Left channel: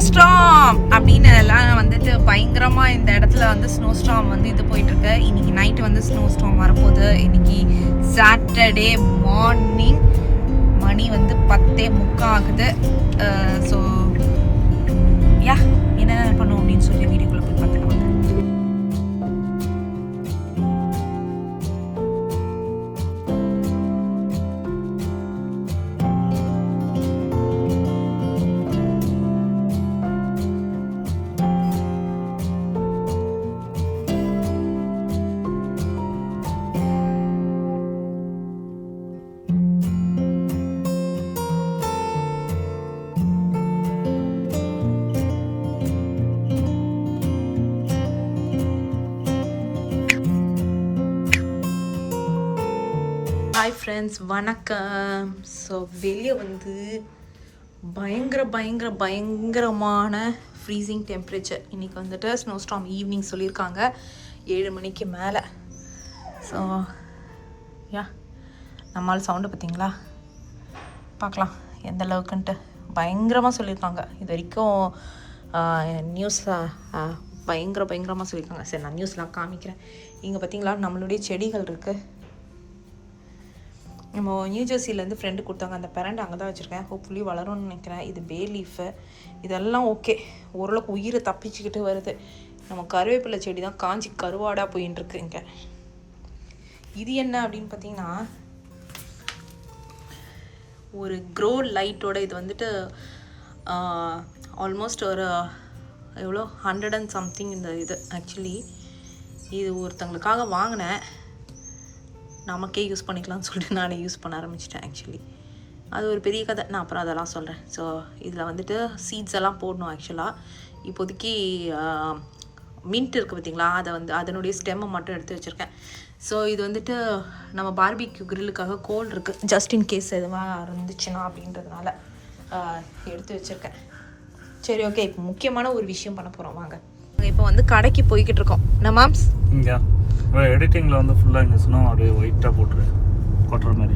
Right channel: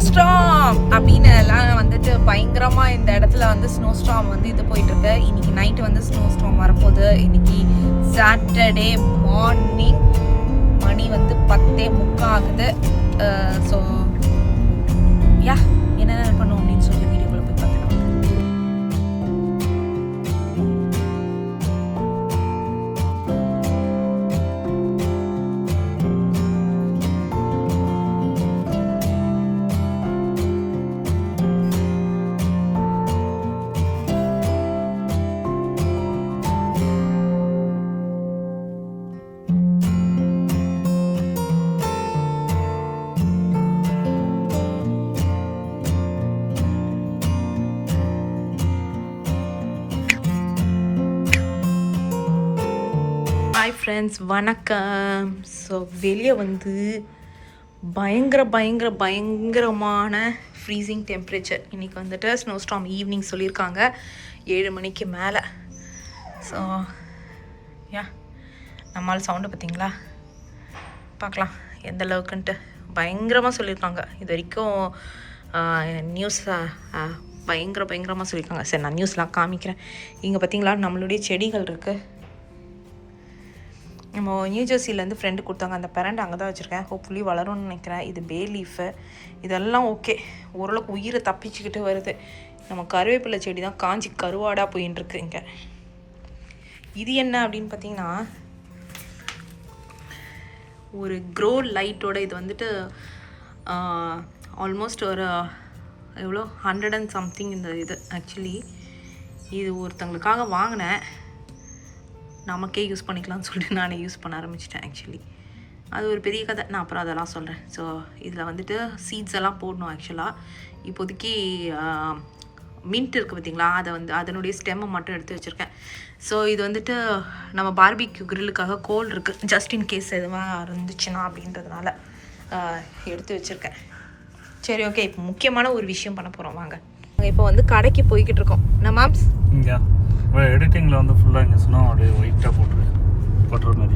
ஸ்னோஸ்டார்ம் அப்படின்னு எல்லாம் வந்துட்டு பயங்கரமாக இந்த இடத்துல வந்து ஸ்னோஸ்டார்ம் வந்து இது போயிட்டுருக்கு. இன்னைக்கு நைட்டு வந்து ஸ்னோஸ்டார்ம் வரப்போகுது. இன்னைக்கு சாட்டர்டே மார்னிங் மணி வந்து 10:45 ஆகுது. ஸோ யா என்ன பண்ணுவோம் அப்படின்னு சொல்லி வீடியோக்குள்ளே போய் பார்த்துக்கலாம். ஹாய் ஃப்ரெண்ட்ஸ், வணக்கம். ஸோ வெளியே வந்து பயங்கரமான ஃப்ரீசிங் டெம்பரேச்சர். இன்றைக்கி வந்துட்டு ஸ்னோஸ்டார்ம் ஈவினிங் சொல்லியிருக்காங்க 7 மணிக்கு மேலே. ஸோ யா நம்மளால் சவுண்டு பார்த்தீங்களா, பார்க்கலாம் எந்த அளவுக்குன்ட்டு. பயங்கரமாக சொல்லியிருக்காங்க. இது வரைக்கும் நியூஸ் பயங்கரமாக சொல்லியிருக்காங்க. சரி, நான் நியூஸ்லாம் காமிக்கிறேன். இங்கே பார்த்தீங்களா நம்மளுடைய செடிகள் இருக்குது. நம்ம நியூ ஜெர்சிலேருந்து ஃப்ரெண்டு கொடுத்தாங்க. அந்த பேரண்ட் அங்கே தான் வச்சுருக்கேன். ஹோப்ஃபுல்லி வளரும்னு நினைக்கிறேன். இது பே லீஃபு, இதெல்லாம் ஓகே, ஓரளவுக்கு உயிரை தப்பிச்சுக்கிட்டு வருது. நம்ம கருவேப்பிலை செடி தான் காஞ்சி கருவாடாக போயின்ட்டுருக்கு இங்கே. இது என்ன அப்படின்னு பார்த்தீங்கன்னா ஒரு க்ரோ லைட்டோட இது வந்துட்டு ஆல்மோஸ்ட் ஒரு எவ்வளோ 100 and something இந்த இது. ஆக்சுவலி இது ஒருத்தங்களுக்காக வாங்கினேன், நமக்கே யூஸ் பண்ணிக்கலாம்னு சொல்லிட்டு நானே யூஸ் பண்ண ஆரம்பிச்சிட்டேன். ஆக்சுவலி அது ஒரு பெரிய கதை, நான் அப்புறம் அதெல்லாம் சொல்கிறேன். ஸோ இதில் வந்துட்டு சீட்ஸ் எல்லாம் போடணும். ஆக்சுவலாக இப்போதைக்கு மின்ட் இருக்குது பார்த்தீங்களா, அதை வந்து அதனுடைய ஸ்டெம்மை மட்டும் எடுத்து வச்சுருக்கேன். ஸோ இது வந்துட்டு நம்ம பார்பிக்யூ கிரில்லுக்காக கோல் இருக்குது, ஜஸ்ட் இன் கேஸ் எதுவாக இருந்துச்சுன்னா அப்படின்றதுனால எடுத்து வச்சுருக்கேன். சரி, ஓகே. இப்போ முக்கியமான ஒரு விஷயம் பண்ண போகிறோம், வாங்க. இப்போ வந்து கடைக்கு போய்கிட்டு இருக்கோம். நம்ம மாம்ஸ் எடிட்டிங்கில் வந்து ஃபுல்லாக இங்கே ஸ்னோ அப்படியே ஒயிட்டாக போட்டுற மாதிரி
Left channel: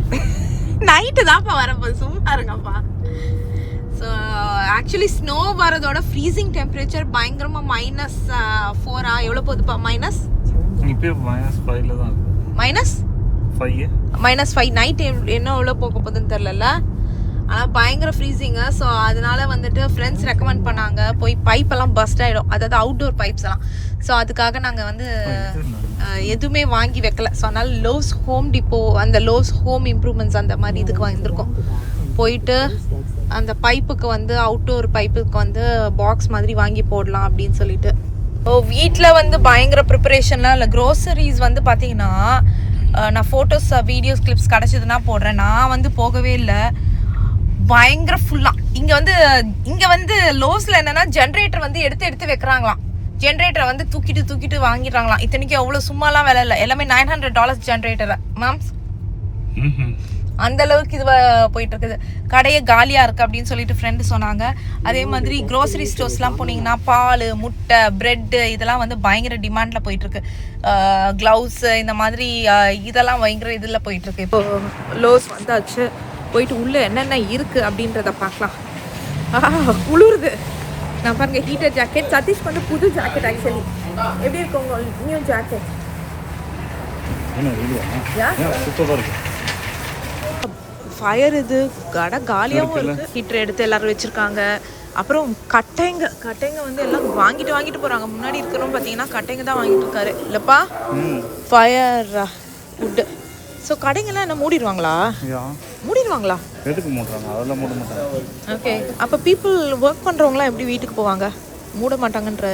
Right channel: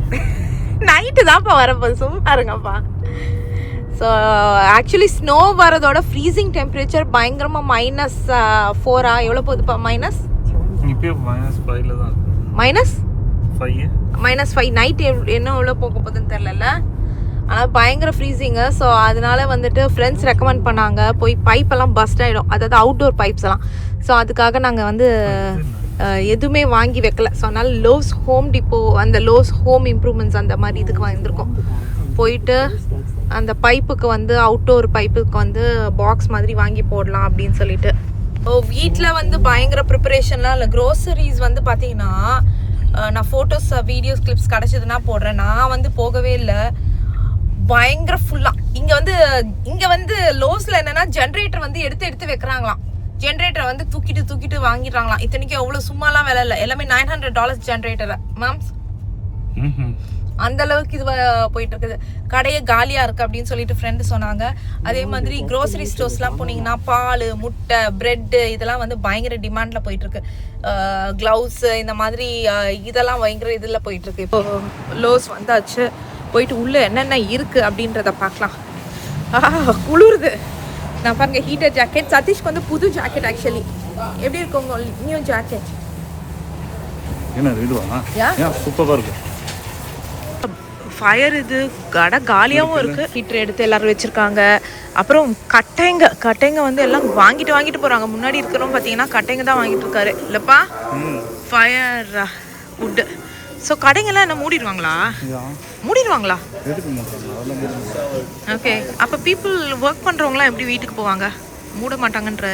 நைட்டு தான்ப்பா வரப்போகுது, சும்மா இருங்கப்பா. ஸோ ஆக்சுவலி ஸ்னோ வரதோட ஃப்ரீசிங் டெம்பரேச்சர் பயங்கரமாக -4 எவ்வளோ போகுதுப்பா? இப்போ -5 தான். -5 நைட் என்ன எவ்வளோ போக போகுதுன்னு தெரிலல. ஆனால் பயங்கர ஃப்ரீசிங்கு. ஸோ அதனால வந்துட்டு ஃப்ரெண்ட்ஸ் ரெக்கமெண்ட் பண்ணாங்க, போய் பைப்பெல்லாம் பஸ்ட் ஆகிடும், அதாவது அவுட்டோர் பைப்ஸ் எல்லாம். ஸோ அதுக்காக நாங்கள் வந்து எதுவுமே வாங்கி வைக்கல. ஸோ அதனால் லோவ்ஸ் ஹோம் டிப்போ, அந்த லோவ்ஸ் ஹோம் இம்ப்ரூவ்மெண்ட்ஸ் அந்த மாதிரி இதுக்கு வந்திருக்கோம். போயிட்டு அந்த பைப்புக்கு வந்து அவுட்டோர் பைப்புக்கு வந்து பாக்ஸ் மாதிரி வாங்கி போடலாம் அப்படின்னு சொல்லிட்டு. வீட்டில் வந்து பயங்கர ப்ரிப்பரேஷன்லாம் இல்லை. க்ரோசரிஸ் வந்து பார்த்தீங்கன்னா நான் ஃபோட்டோஸ் வீடியோஸ் கிளிப்ஸ் கிடச்சிதுன்னா போடுறேன். நான் வந்து போகவே இல்லை, பயங்கர ஃபுல்லாக. இங்கே வந்து லோவ்ஸில் என்னென்னா ஜென்ரேட்டர் வந்து எடுத்து வைக்கிறாங்களாம். ஜென்ரேட்டரை வந்து தூக்கிட்டு வாங்கிடுறாங்களாம். இத்தனைக்கும் எவ்வளோ சும்மாலாம் வேலை இல்லை, எல்லாமே $900 ஜென்ரேட்டரை மேம்ஸ். அந்த அளவுக்கு இது போயிட்டு இருக்குது. கடையே காலியாக இருக்குது அப்படின்னு சொல்லிட்டு ஃப்ரெண்டு சொன்னாங்க. அதே மாதிரி க்ரோசரி ஸ்டோர்ஸ்லாம் போனீங்கன்னா பால், முட்டை, ப்ரெட்டு இதெல்லாம் வந்து பயங்கர டிமாண்டில் போயிட்டுருக்கு. க்ளவுஸு இந்த மாதிரி இதெல்லாம் பயங்கர இதில் போயிட்டுருக்கு. இப்போது லோஸ் வந்தாச்சு, போயிட்டு உள்ளே என்னென்ன இருக்குது அப்படின்றத பார்க்கலாம். குளிருது. நான் பாருங்க ஹீட்டர் ஜாக்கெட், சதீஷ்க்கு வந்து புது ஜாக்கெட். ஆக்சுவலி எப்படி இருக்கு உங்க நியூ ஜாக்கெட்? ஃபயர் இது கடை காலியாகவும் இருக்குது. ஹீட்டர் எடுத்து எல்லோரும் வச்சுருக்காங்க. அப்புறம் கட்டைங்க வந்து எல்லாம் வாங்கிட்டு போகிறாங்க. முன்னாடி இருக்கிறவங்க பார்த்தீங்கன்னா கட்டைங்க தான் வாங்கிட்டு இருக்காரு இல்லைப்பா, ஃபயர் வுட்டு. ஸோ கடைங்கெல்லாம் என்ன மூடிடுவாங்களா? ஓகே. அப்போ பீப்புள் ஒர்க் பண்ணுறவங்களாம் எப்படி வீட்டுக்கு போவாங்க? மூட மாட்டாங்கன்ற.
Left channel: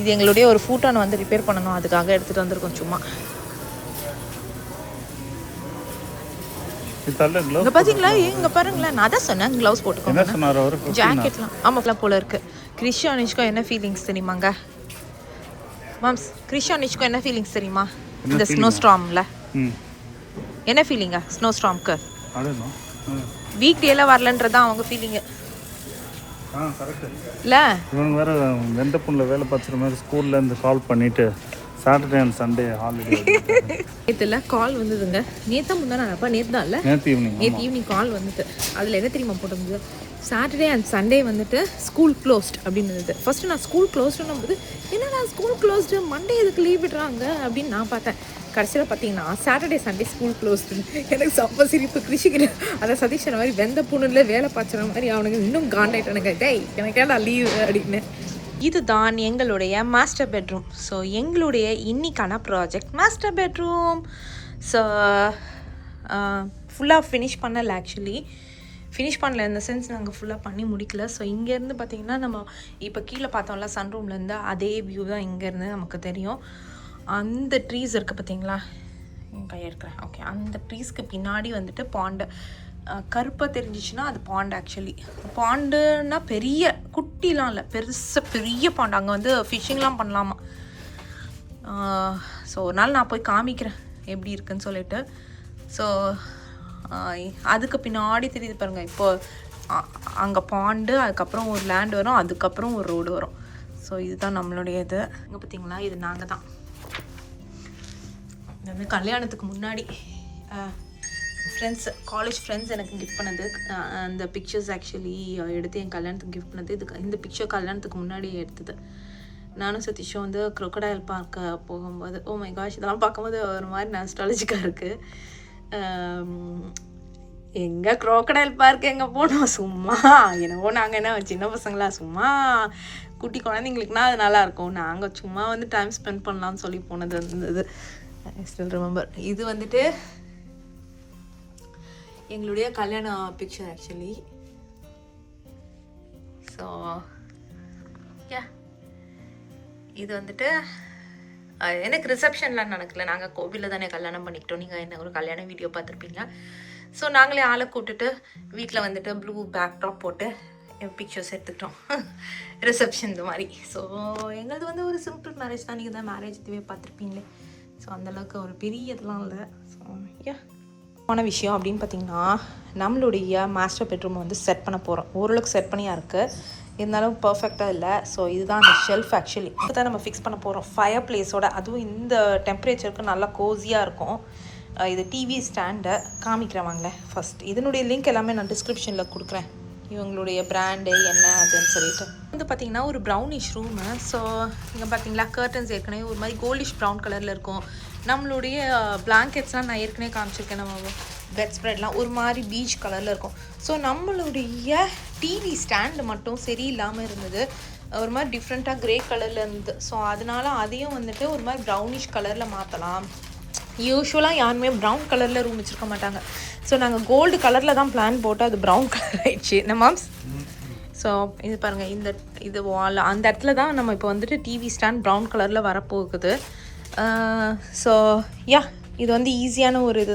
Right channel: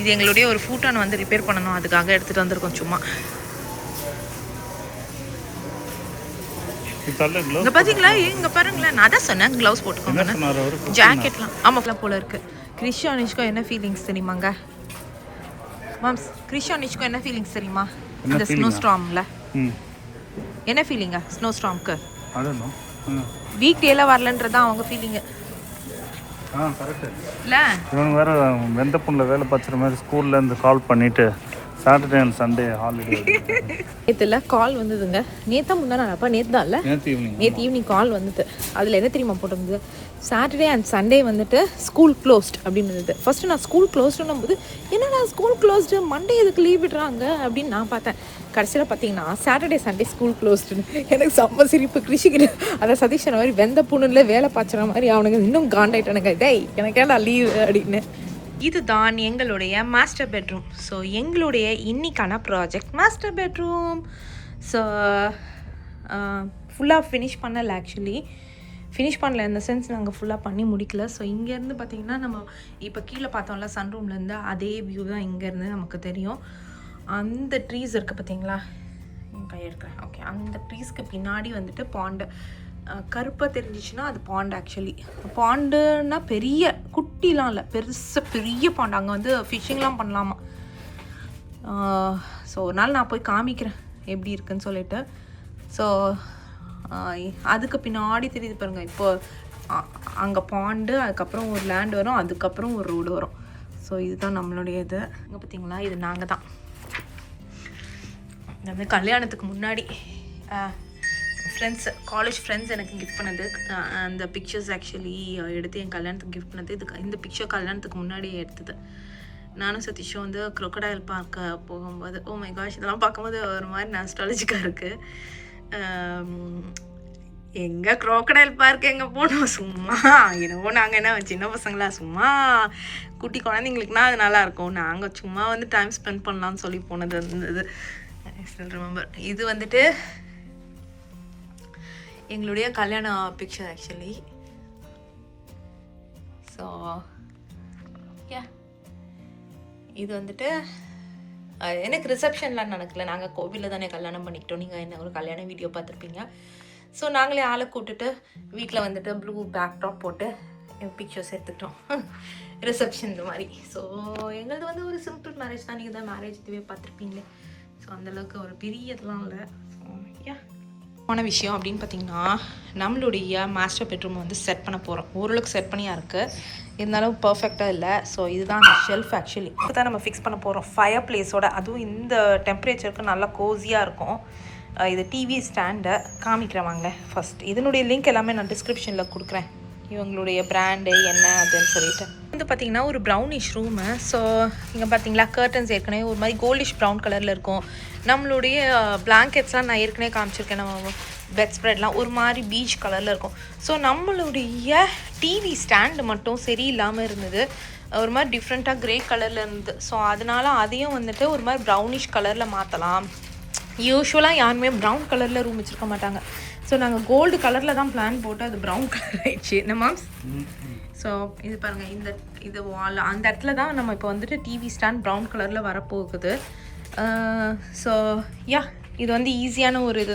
இது எங்களுடைய ஒரு ஃபூட்டானை வந்து ரிப்பேர் பண்ணணும், அதுக்காக எடுத்துகிட்டு வந்திருக்கோம் சும்மா. இங்கே பார்த்தீங்களா, இங்கே பாருங்களேன், நான் தான் சொன்னேன் க்ளவுஸ் போட்டுக்கோங்க, ஜாக்கெட்லாம். ஆமாம் போல இருக்குது. கிறிஷா நிஷ்கோ என்ன ஃபீலிங்ஸ் தெரியுமாங்க மாம்ஸ்? கிறிஷா நிஷ்கோ என்ன ஃபீலிங்ஸ் தெரியுமா இந்த ஸ்னோ ஸ்டார்மில்? என்ன ஃபீலிங்கா ஸ்னோ ஸ்டார்ம்க்கு? வீக் டேல வரலன்றதான் அவங்க ஃபீலிங்கு. இல்லை இவங்க வேறு வெந்த புண்ணில் வேலை பார்த்துற மாதிரி ஸ்கூல்லேருந்து கால் பண்ணிவிட்டு சாட்டர்டே அண்ட் சண்டே ஹாலிடே. நேற்றுல கால் வந்ததுங்க. நேற்றா முந்தா நாளப்பா? நேற்று தான் இல்லை, நேற்று ஈவினிங் கால் வந்துட்டு. அதில் என்ன தெரியுமா போட்டிருந்தது? சாட்டர்டே அண்ட் சண்டே வந்துட்டு ஸ்கூல் க்ளோஸ்ட் அப்படின்னு இருந்தது. ஃபஸ்ட்டு நான் ஸ்கூல் க்ளோஸ்டுன்னும் போது என்னடா ஸ்கூல் க்ளோஸ்டு, மண்டே எதுக்கு லீவ் விடுறாங்க அப்படின்னு நான் பார்த்தேன். கடைசியில் பார்த்தீங்கன்னா சாட்டர்டே சண்டே ஸ்கூல் க்ளோஸ்டுன்னு. எனக்கு செம்ம சிரிப்பு. கிருஷிக்கு அதை சதீஷ் சொன்ன மாதிரி வெந்த புண்ணுல வேலை பாய்ச்சுற மாதிரி அவனுங்க இன்னும் காண்டாயிட்டானுங்க. டேய் எனக்கு ஏன்டா லீவ் அப்படின்னு. இதுதான் எங்களுடைய மாஸ்டர் பெட்ரூம். ஸோ எங்களுடைய இன்னிக்கான ப்ராஜெக்ட் மாஸ்டர் பெட்ரூம். ஸோ ஃபுல்லாக ஃபினிஷ் பண்ணலை. ஆக்சுவலி ஃபினிஷ் பண்ணல இந்த சென்ஸ் நாங்கள் ஃபுல்லாக பண்ணி முடிக்கல. ஸோ இங்கேருந்து பார்த்திங்கன்னா நம்ம இப்போ கீழே பார்த்தோம்ல சன்ரூம்லேருந்து அதே வியூ தான் இங்கேருந்து நமக்கு தெரியும். அந்த ட்ரீஸ் இருக்குது பார்த்தீங்களா, என் கையை எடுக்கிறேன். ஓகே, அந்த ட்ரீஸ்க்கு பின்னாடி வந்துட்டு பாண்டு கருப்பாக தெரிஞ்சிச்சுன்னா அது பாண்டு. ஆக்சுவலி பாண்டுன்னா பெரிய குட்டிலாம் இல்லை, பெரிய பாண்டு. அங்கே வந்து ஃபிஷ்ஷிங்லாம் பண்ணலாமா. ஸோ ஒரு நாள் நான் போய் காமிக்கிறேன் எப்படி இருக்குன்னு சொல்லிட்டு. ஸோ அதுக்கு பின்னாடி தெரியுது பாருங்கள். இப்போது அங்கே பாண்டு, அதுக்கப்புறம் ஒரு லேண்ட் வரும், அதுக்கப்புறம் ஒரு ரோடு வரும். ஸோ இதுதான் நம்மளுடைய இது. இங்கே பார்த்தீங்களா, இது நாங்கள் தான். இது வந்து கல்யாணத்துக்கு முன்னாடி ஃப்ரெண்ட்ஸ், காலேஜ் ஃப்ரெண்ட்ஸ் எனக்கு கிஃப்ட் பண்ணது. அந்த பிக்சர்ஸ் ஆக்சுவலி எடுத்து என் கல்யாணத்துக்கு கிஃப்ட் பண்ணது. இந்த பிக்சர் கல்யாணத்துக்கு முன்னாடி எடுத்தது. நானும் சதீஷும் வந்து க்ரொக்கடைல் பார்க்க போகும்போது, ஓ மை காஷ், இதெல்லாம் பார்க்கும்போது ஒரு மாதிரி நாஸ்டாலஜிக்காக இருக்குது. எங்கே க்ரோக்கடைல் பார்க் எங்கே போனோம், சும்மா என்னவோ நாங்கள் என்ன சின்ன பசங்களா சும்மா குட்டி குழந்தைங்களுக்குனா அது நல்லாயிருக்கும். நாங்கள் சும்மா வந்து டைம் ஸ்பெண்ட் பண்ணலான்னு சொல்லி போனது இருந்தது. I still remember. இது வந்துட்டு எங்களுடைய கல்யாண பிக்சர் ஆக்சுவலி. ஸோ யா, இது வந்துட்டு எனக்கு ரிசப்ஷன்லாம் நடக்கல. நாங்கள் கோவிலில் தானே கல்யாணம் பண்ணிக்கிட்டோம். நீங்கள் என்ன ஒரு கல்யாண வீடியோ பார்த்துருப்பீங்க. ஸோ நாங்களே ஆளை கூப்பிட்டுட்டு வீட்டில் வந்துட்டு ப்ளூ பேக்ட்ராப் போட்டு பிக்சர்ஸ் எடுத்துக்கிட்டோம் ரிசப்ஷன் இந்த மாதிரி. ஸோ எங்களது வந்து ஒரு சிம்பிள் மேரேஜ் தான். நீங்கள் தான் மேரேஜ் இதுவே பார்த்துருப்பீங்களே. ஸோ அந்தளவுக்கு ஒரு பெரிய இதெல்லாம் இல்லை. ஸோ யா, ஆன விஷயம் அப்படின்னு பார்த்தீங்கன்னா, நம்மளுடைய மாஸ்டர் பெட்ரூம் வந்து செட் பண்ண போகிறோம். ஓரளவுக்கு செட் பண்ணியாக இருக்குது, இருந்தாலும் பர்ஃபெக்டாக இல்லை. ஸோ இதுதான் அந்த ஷெல்ஃப். ஆக்சுவலி இப்போ தான் நம்ம ஃபிக்ஸ் பண்ண போகிறோம் ஃபயர் பிளேஸோட. அதுவும் இந்த டெம்பரேச்சருக்கு நல்லா கோஸியாக இருக்கும். இது டிவி ஸ்டாண்டை காமிக்கிறவாங்களே ஃபஸ்ட். இதனுடைய லிங்க் எல்லாமே நான் டிஸ்கிரிப்ஷனில் கொடுக்குறேன், இவங்களுடைய பிராண்டு என்ன அதுன்னு சொல்லிட்டு. வந்து பார்த்திங்கன்னா ஒரு ப்ரௌனிஷ் ரூமு. ஸோ இங்கே பார்த்தீங்களா கர்டன்ஸ் ஏற்கனவே ஒரு மாதிரி கோல்டிஷ் ப்ரௌன் கலரில் இருக்கும். நம்மளுடைய பிளாங்கெட்ஸ்லாம் நான் ஏற்கனவே காமிச்சிருக்கேன். நம்ம பெட் ஸ்ப்ரெட்லாம் ஒரு மாதிரி பீச் கலரில் இருக்கும். ஸோ நம்மளுடைய டிவி ஸ்டாண்டு மட்டும் சரியில்லாமல் இருந்தது, ஒரு மாதிரி டிஃப்ரெண்ட்டாக க்ரே கலரில் இருந்தது. ஸோ அதனால அதையும் வந்துட்டு ஒரு மாதிரி ப்ரௌனிஷ் கலரில் மாற்றலாம். யூஸ்வலாக யாருமே ப்ரௌன் கலரில் ரூம் வச்சுருக்க மாட்டாங்க. ஸோ நாங்கள் கோல்டு கலரில் தான் பிளான் போட்டு அது ப்ரௌன் கலர் ஆயிடுச்சு என்ன மாம்ஸ். ஸோ இது பாருங்கள், இது வால் அந்த இடத்துல தான் நம்ம இப்போ வந்துட்டு டிவி ஸ்டாண்ட் ப்ரௌன் கலரில் வரப்போகுது. ஸோ யா, இது வந்து ஈஸியான ஒரு இது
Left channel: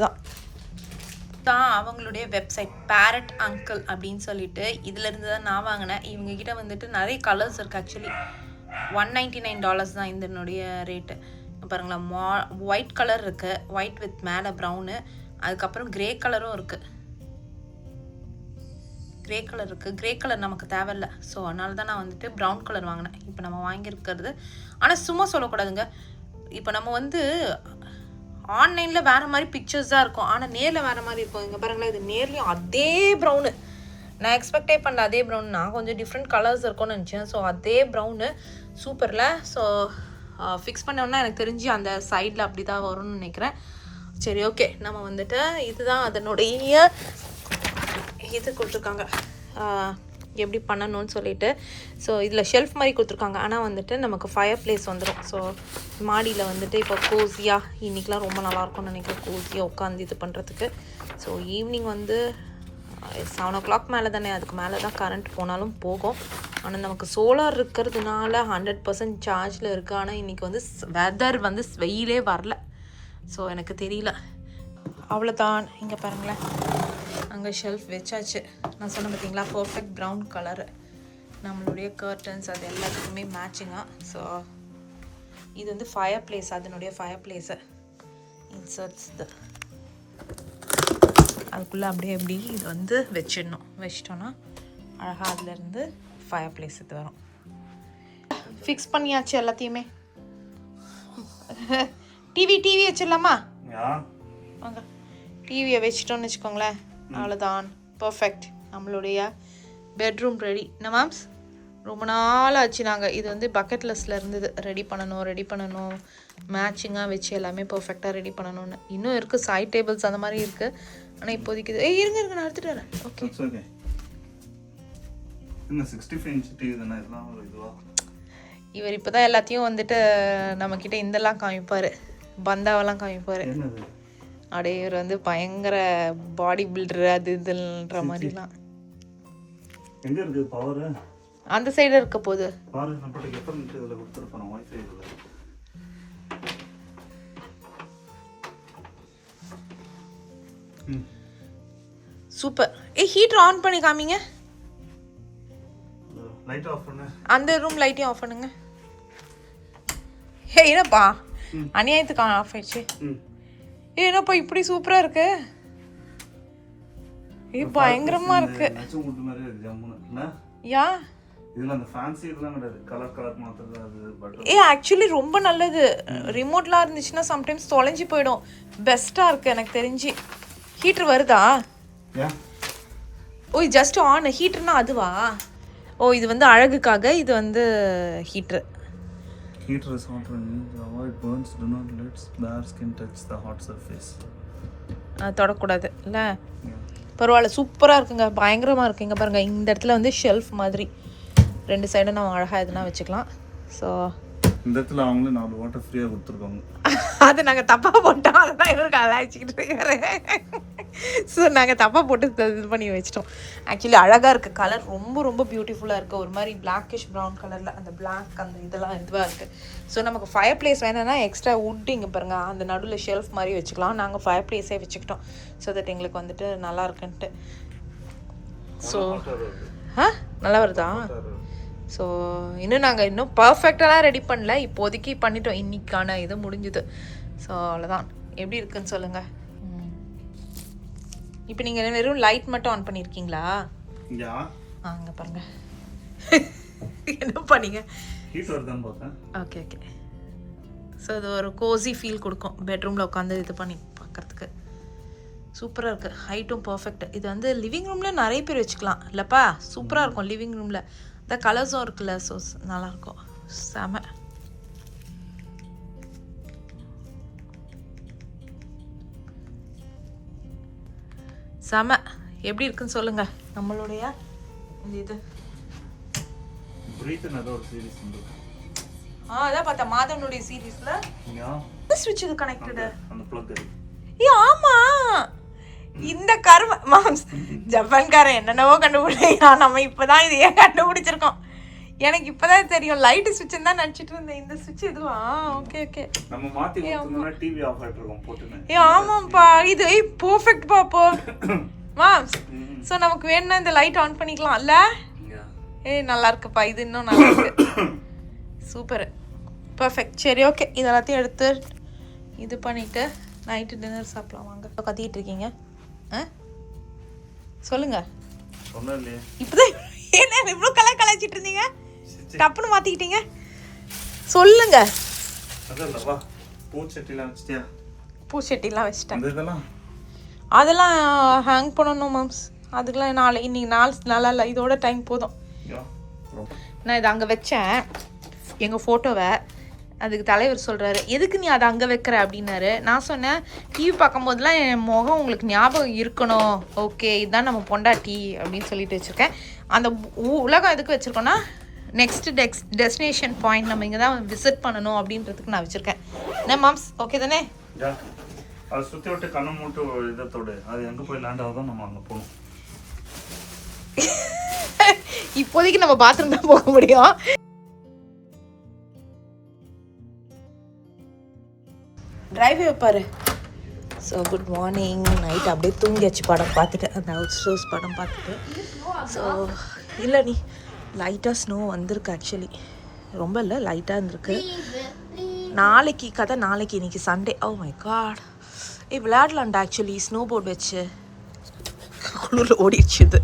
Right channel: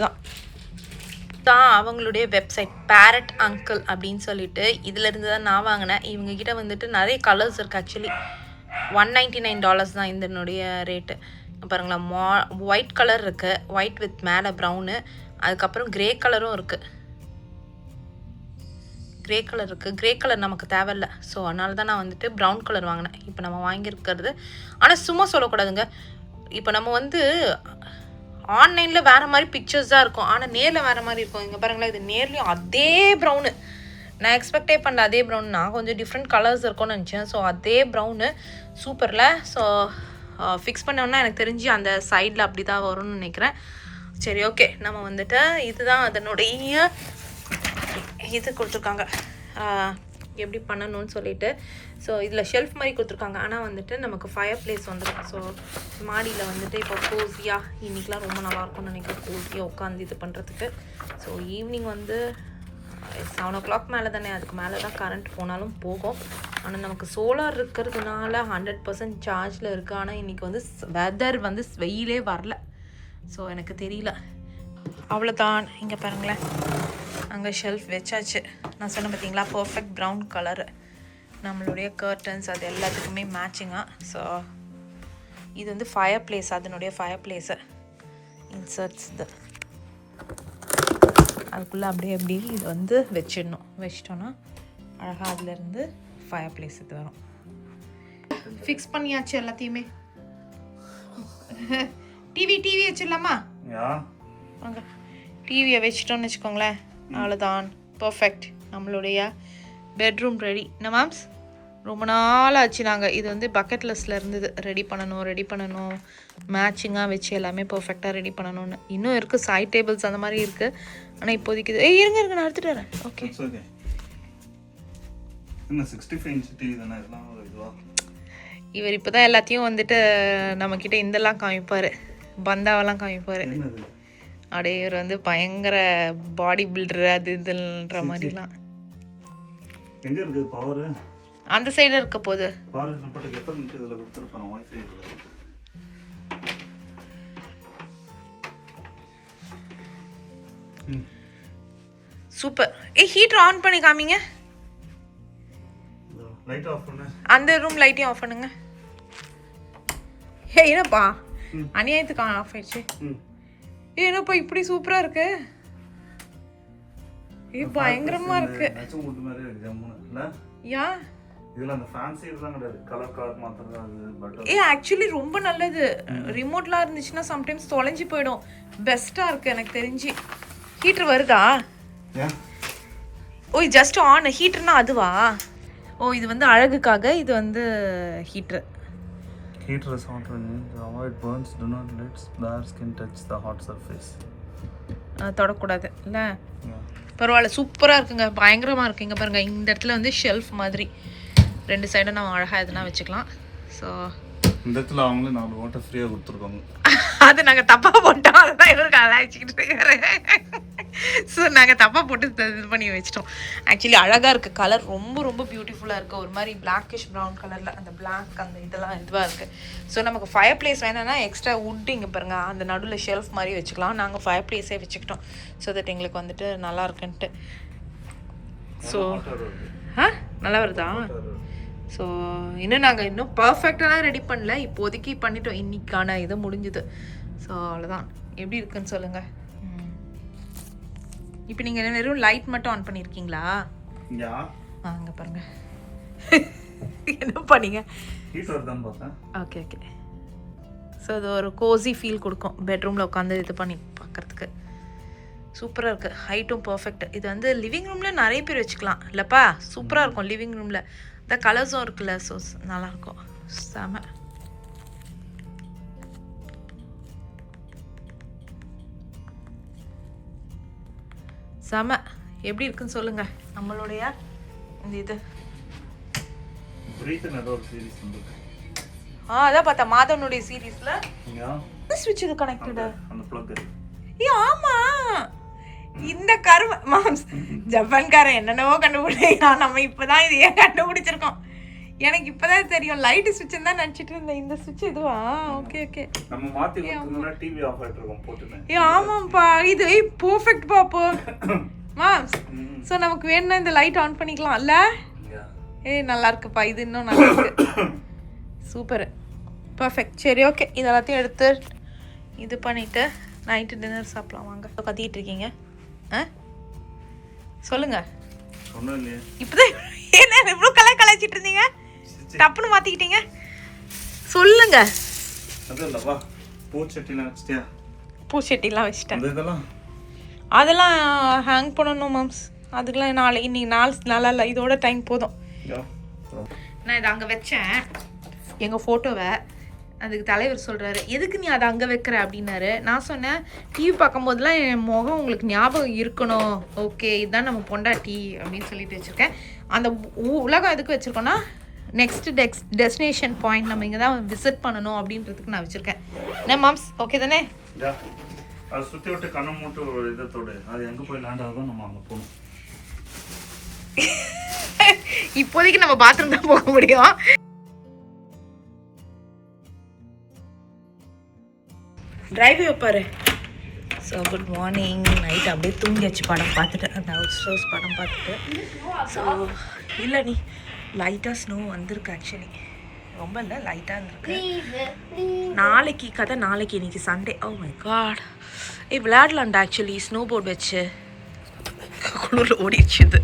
தான் அவங்களுடைய வெப்சைட் பேரட் அங்கிள் அப்படின்னு சொல்லிட்டு. இதிலேருந்து தான் நான் வாங்கினேன். இவங்ககிட்ட வந்துட்டு நிறைய கலர்ஸ் இருக்குது. ஆக்சுவலி $199 தான் இதனுடைய ரேட்டு. பாருங்களா, ஒயிட் கலர் இருக்குது, ஒயிட் வித் மேலே ப்ரௌனு, அதுக்கப்புறம் க்ரே கலரும் இருக்குது. க்ரே கலர் நமக்கு தேவையில்லை. ஸோ அதனால தான் நான் வந்துட்டு ப்ரௌன் கலர் வாங்கினேன். இப்போ நம்ம வாங்கியிருக்கிறது, ஆனால் சும்மா சொல்லக்கூடாதுங்க. இப்போ நம்ம வந்து ஆன்லைனில் வேறு மாதிரி பிக்சர்ஸ் தான் இருக்கும், ஆனால் நேரில் வேறு மாதிரி இருக்கும். இங்கே பாருங்களேன், இது நேர்லேயும் அதே ப்ரௌனு. நான் எக்ஸ்பெக்டே பண்ணல அதே ப்ரௌன். நான் கொஞ்சம் டிஃப்ரெண்ட் கலர்ஸ் இருக்கும்னு நினச்சேன். ஸோ அதே ப்ரௌனு சூப்பரில். ஸோ ஃபிக்ஸ் பண்ணோன்னா எனக்கு தெரிஞ்சு அந்த சைடில் அப்படி தான் வரும்னு நினைக்கிறேன். சரி, ஓகே, நம்ம வந்துட்டு இதுதான் அதனுடைய இது கொடுத்துருக்காங்க எப்படி பண்ணணும்னு சொல்லிட்டு. ஸோ இதில் ஷெல்ஃப் மாதிரி கொடுத்துருக்காங்க, ஆனால் வந்துட்டு நமக்கு ஃபயர் பிளேஸ் வந்துடும். ஸோ மாடியில் வந்துட்டு இப்போ கோஸியாக இன்றைக்கெலாம் ரொம்ப நல்லாயிருக்கும்னு நினைக்கிறேன், கோஸியாக உட்காந்து இது பண்ணுறதுக்கு. ஸோ ஈவினிங் வந்து 7 o'clock மேலே தானே, அதுக்கு மேலே தான் கரண்ட் போனாலும் போகும். ஆனால் நமக்கு சோலார் இருக்கிறதுனால 100% சார்ஜில் இருக்குது. ஆனால் இன்றைக்கி வந்து வெதர் வந்து வெயிலே வரல. ஸோ எனக்கு தெரியல. அவ்வளோதான். இங்கே பாருங்களேன், அங்கே ஷெல்ஃப் வச்சாச்சு. நான் சொன்னேன் பார்த்தீங்களா, பர்ஃபெக்ட் ப்ரௌன் கலரு. நம்மளுடைய கர்டன்ஸ் அது எல்லாத்துக்குமே மேட்சிங்காக. ஸோ இது வந்து ஃபயர் பிளேஸ், அதனுடைய ஃபயர் பிளேஸு இன்சர்ட்ஸ் இது. அதுக்குள்ளே அப்படியே எப்படி இது வந்து வச்சிட்டோன்னா அழகாக அதுலேருந்து ஃபயர் பிளேஸ் இது வரும். ஃபிக்ஸ் பண்ணியாச்சு எல்லாத்தையுமே. டிவி வச்சிடலாமா? வாங்க, டிவியை வச்சிட்டோன்னு வச்சுக்கோங்களேன், அவ்வளோதான், பர்ஃபெக்ட். நம்மளுடைய பெட்ரூம் ரெடி என்ன மேம்ஸ். ரொம்ப நாள் ஆச்சு. நாங்கள் இது வந்து பக்கெட் லிஸ்ட்டில் இருந்தது, ரெடி பண்ணணும் மேட்சிங்காக வச்சு எல்லாமே பர்ஃபெக்டாக ரெடி பண்ணணும்னு. இன்னும் இருக்குது சைட் டேபிள்ஸ் அந்த மாதிரி இருக்குது. ஆனால் இப்போதைக்கு இருங்க நான் எடுத்துகிட்டு வரேன். ஓகே இவர் இப்போ தான் எல்லாத்தையும் வந்துட்டு நம்மக்கிட்ட இதெல்லாம் காமிப்பார், பந்தாவெல்லாம் காமிப்பார். அப்படியே இவர் வந்து பயங்கர பாடி பில்டர் அது இதுன்ற மாதிரிலாம். எங்க இருக்குது பவர்? அந்த சைடு இருக்க போகுது. சூப்பர். ஹீட்டர் ஆன் பண்ணி காமிங்க. லைட் ஆஃப் பண்ணு. அந்த ரூம் லைட்டையும் ஆஃப் பண்ணுங்க. என்னப்பா அநியாயத்துக்கு ஆஃப் ஆயிடுச்சு. என்னப்பா இப்படி சூப்பரா இருக்கு. பயங்கரமா இருக்கு. யா இதுல அந்த ஃபேன்சி இதெல்லாம் கிடையாது, கலர் கலர் மாத்திரம் தான் அது. பட் ஆக்சுவலி ரொம்ப நல்லது. ரிமோட்லாம் இருந்துச்சுன்னா சம்டைம்ஸ் தொலைஞ்சு போயிடும். பெஸ்ட்டாக இருக்குது எனக்கு தெரிஞ்சு. ஹீட்ரு வருதா? ஓ ஜஸ்ட் ஆன். ஹீட்டர்னா அதுவா? ஓ இது வந்து அழகுக்காக, இது வந்து heater. Heater is hot when avoid burns, do not let dark skin touch the hot surface. தொடக்கூடாது இல்லை? பரவாயில்ல சூப்பராக இருக்குங்க, பயங்கரமாக இருக்குங்க. பாருங்கள் இந்த இடத்துல வந்து ஷெல்ஃப் மாதிரி 2 சைடும் நம்ம அழகாக எதுனா வச்சுக்கலாம். ஸோ இந்த இடத்துல அவங்களே 4 வாட்டர் ஃப்ரீயாக கொடுத்துருக்காங்க. அது நாங்கள் தப்பாக போட்டோம், அதை தான் இவருக்கு அழைச்சிக்கிட்டு இருக்காரு. ஸோ நாங்கள் தப்பாக போட்டு இது பண்ணி வச்சிட்டோம். ஆக்சுவலி அழகாக இருக்குது, கலர் ரொம்ப ரொம்ப பியூட்டிஃபுல்லாக இருக்குது. ஒரு மாதிரி பிளாக்கிஷ் ப்ரௌன் கலரில் அந்த பிளாக் அந்த இதெல்லாம் இதுவாக இருக்குது. ஸோ நமக்கு ஃபயர் பிளேஸ் வேணும்னா எக்ஸ்ட்ரா வுட் இங்கே பாருங்கள் அந்த நடுவில் ஷெல்ஃப் மாதிரி வச்சுக்கலாம். நாங்கள் ஃபயர் பிளேஸே வச்சுக்கிட்டோம் ஸோ தட் எங்களுக்கு வந்துட்டு நல்லா இருக்குன்ட்டு. ஸோ நல்லா வருதா? ஸோ நாங்கள் பர்ஃபெக்டாலாம் ரெடி பண்ணல, இப்போதைக்கு பண்ணிட்டோம். இன்னைக்கான இது முடிஞ்சுது. ஸோ அவ்வளோதான். எப்படி இருக்குன்னு சொல்லுங்கள். இப்போ நீங்கள் வெறும் லைட் மட்டும் ஆன் பண்ணியிருக்கீங்களா? அங்கே பாருங்க என்ன பண்ணீங்க. Okay okay. ஸோ இது ஒரு கோசி ஃபீல் கொடுக்கும் பெட்ரூமில் உட்காந்து இது பண்ணி பார்க்குறதுக்கு. சூப்பராக இருக்குது, ஹைட்டும் பர்ஃபெக்ட். இது வந்து லிவிங் ரூமில் நிறைய பேர் வச்சுக்கலாம் இல்லைப்பா? சூப்பராக இருக்கும் லிவிங் ரூமில். இந்த கலர்ஸும் இருக்குல்ல, ஸோ நல்லாயிருக்கும். செம. செம. எப்படி இருக்குன்னு சொல்லுங்கள் நம்மளுடைய இந்த இது. அதான் பார்த்தா மாதவனுடைய சீரீஸில் ஸ்விட்ச் இது கனெக்டடு. ஆமா இந்த கரும மாம்ஸ் ஜப்பான்காரன் என்னென்னவோ கண்டுபிடிக்கிறான். நம்ம இப்போதான் இது ஏன் கண்டுபிடிச்சிருக்கோம். எனக்கு இப்போதான் தெரியும். லைட் ஸ்விட்ச் தான் நினச்சிட்டு இருந்தேன். இந்த ஸ்விட்ச் இதுவா? Okay okay. ஆமாம்ப்பா இது பர்ஃபெக்ட் பாப்போ மாம்ஸ். ஸோ நமக்கு வேணும்னா இந்த லைட் ஆன் பண்ணிக்கலாம் இல்லை? நல்லா இருக்குப்பா, இது இன்னும் நல்லா இருக்கு. Super perfect. சரி ஓகே, இது எல்லாத்தையும் எடுத்து இது பண்ணிவிட்டு நைட்டு டின்னர் சாப்பிடலாம் வாங்க. கத்திக்கிட்டு இருக்கீங்க சொல்லுங்க. இப்போதான் என்ன இவ்வளோ கலாய்ச்சிட்டு இருந்தீங்க, டப்புன்னு மாற்றிக்கிட்டீங்க. சொல்லுங்க. பூச்செட்டிலாம் வச்சுட்டேன். அதெல்லாம் ஹேங் பண்ணணும் மேம்ஸ். அதுக்கெலாம் இன்னைக்கு நல்லா இல்லை, இதோட டைம் போதும். நான் இதை அங்கே வச்சேன் எங்கள் ஃபோட்டோவை. அதுக்கு தலைவர் சொல்கிறாரு எதுக்கு நீ அதை அங்கே வைக்கிற அப்படின்னாரு. நான் சொன்னேன் டிவி பார்க்கும்போதெல்லாம் என் முகம் உங்களுக்கு ஞாபகம் இருக்கணும். ஓகே இதுதான் நம்ம பொண்டாட்டி அப்படின்னு சொல்லிட்டு வச்சுருக்கேன். அந்த உலகம் எதுக்கு வச்சுருக்கோன்னா நெக்ஸ்ட் டெஸ்டினேஷன் பாயிண்ட் நம்ம இங்கே தான் விசிட் பண்ணணும் அப்படின்றதுக்கு நான் வச்சுருக்கேன். என்ன மாம்ஸ் ஓகே தானே? அதை சுற்றி விட்டு கண்ணை மூட்டு ஒரு இதத்தோடு அது எங்கே போய் லேண்ட் ஆகுதோ நம்ம அங்கே போகணும். இப்போதைக்கு நம்ம பாத்ரூம் தான் போக முடியும். டிரைவே வைப்பாரு. So good morning. நைட் அப்படியே தூங்கியாச்சு படம் பார்த்துட்டு, அந்த ஹவுஸ் ஷூஸ் படம் பார்த்துட்டு. ஸோ இல்லை நீ லைட்டாக ஸ்னோ வந்திருக்கு. ஆக்சுவலி ரொம்ப இல்லை, லைட்டாக இருந்திருக்கு. நாளைக்கு கதை நாளைக்கு. இன்னைக்கு சண்டே. Oh my god. விளையாடலாம்டா ஆக்சுவலி ஸ்னோ போர்டு வச்சு. குளிரில் ஓடிடுச்சு இது.